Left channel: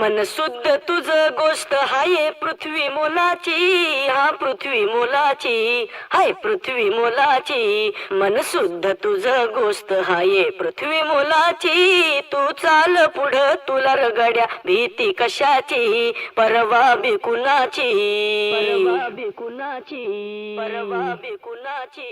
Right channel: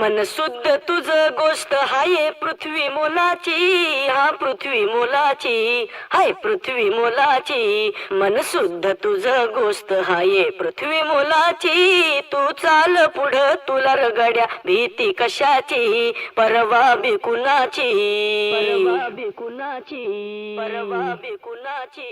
मन शुद्ध तुझ गोष्ट हाय पृथ्वी मोलाची, हा पृथ्वी मोलाची, हाय पृथ्वी मोलाची. मन शुद्ध तुझ गोष्ट हाय पृथ्वी मोलाची. तू चाल पुढं तुला रगड्या भीती कशाची, परवा बिकुनाची, परवा बिकुनाची, परवा बिकुनाची.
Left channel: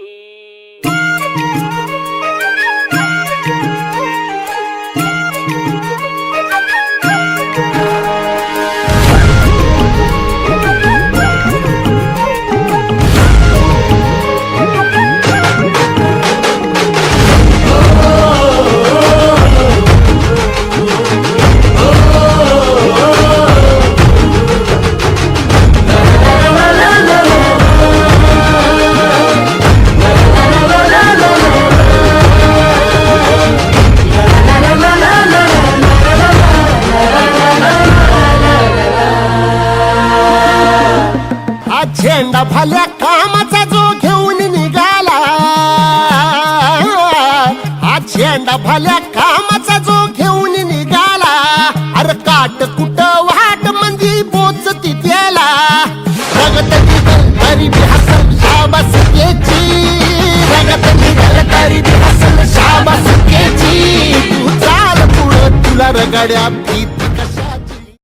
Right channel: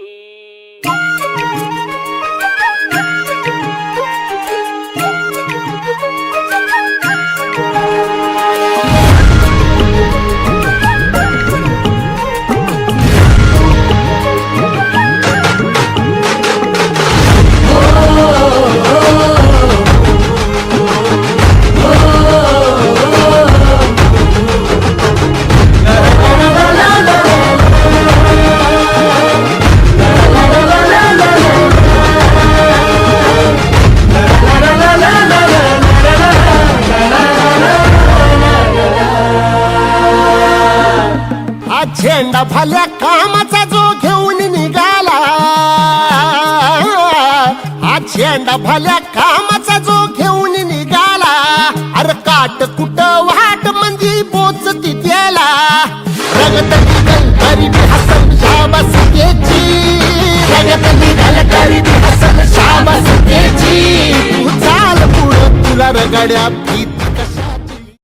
झेंडा भल्या कामाचा जो घेऊन निघाला, हा झेंडा भल्या कामाचा जो घेऊन निघाला. अरे काट कुट वाट म्हणजे पोचती त्याला. रगत निघल तरी बी हसल शाबास केची, रगत निघल तरी बी हसल शाबास केची. तू चाल पुढं तुला रगड्या भीती कशा.